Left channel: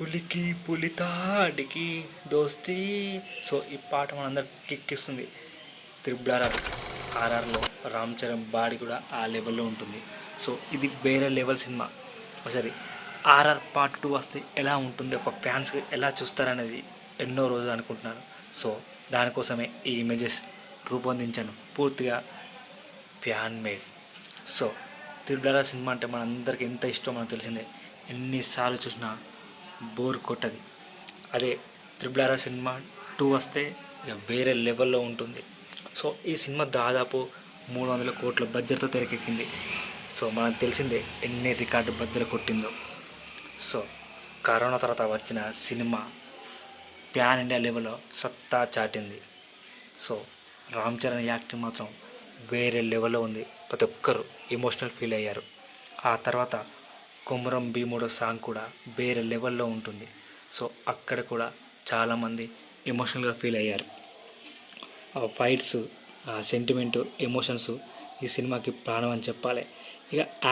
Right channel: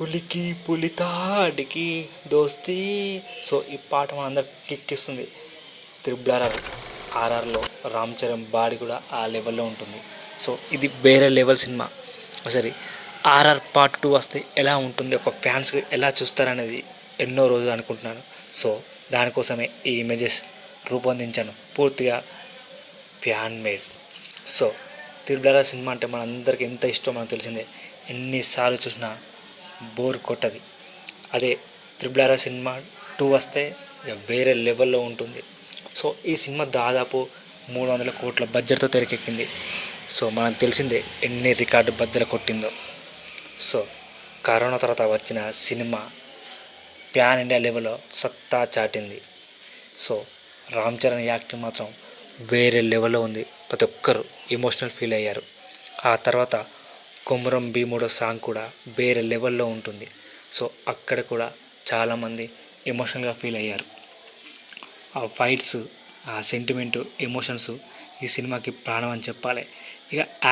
పులికి పులితాడికి దోస్తీ. సో ఈ పాట మనందరికి కిక్కిస్తుంది. త్రిబుల్ ఆర్ఆర్ ఆర్ఆర్లో రామ్ చరణ్ బాడీ కూడా ఆ లెవెల్లో ఉంటుంది. సో ఇది వేరే లెవెల్ సినిమా. సరే ఆర్ఆర్ పార్ట్ టూ వస్తే ఎలా ఉంటుంది ఒక ఫ్యాన్స్ ఎలా చూస్తారనేది ఎన్నో రోజులు అనుకుంటున్నాను సో దానికోసమే ఈ ఇమేజెస్ రూపొందించాను. పూర్తిగా fan made. So triple cinema అంటే మనందరికీ ఎంత ఇష్టం మనకు తెలిసిందే. ఎన్నిసార్లు చూసినా బోర్ కొట్టది. అదే త్రిబుల్ ఆర్ సినిమా టూ వస్తే ఇక వేరే లెవెల్లో ఉంటుంది. సో ఈ సినిమా దాదాపు మూడు వందల కోట్ల బడ్జెట్తో తెరకెక్కింది. సో మనకు తెలిసిందే ఎన్ని రికార్డు బద్దలు కొట్టిందో. సో కరోనా తర్వాత వచ్చిన సినిమా ప్యాన్ ఇండియా లెవెల్లో సత్తా చాటింది. సో రామ్ చరణ్ యాక్టింగ్ మాత్రం వేరే లెవెల్లో ఉంది. ప్రతి ఒక్కరు ఎమోషనల్ ఫీల్ అయ్యారు. ఆ తర్వాత కొమురం భీముడో సాంగ్ కూడా వేరే లెవెల్లో ఉంటుంది. సో అక్కడ కూడా చాలామంది ఎమోషనల్గా ఫీల్ అయ్యారు. ఆ ఫైట్స్ ఆ సెంటిమెంటు ఎమోషన్స్ ఈ సినిమాకి ప్రాణం అని చెప్పాలి. ఇక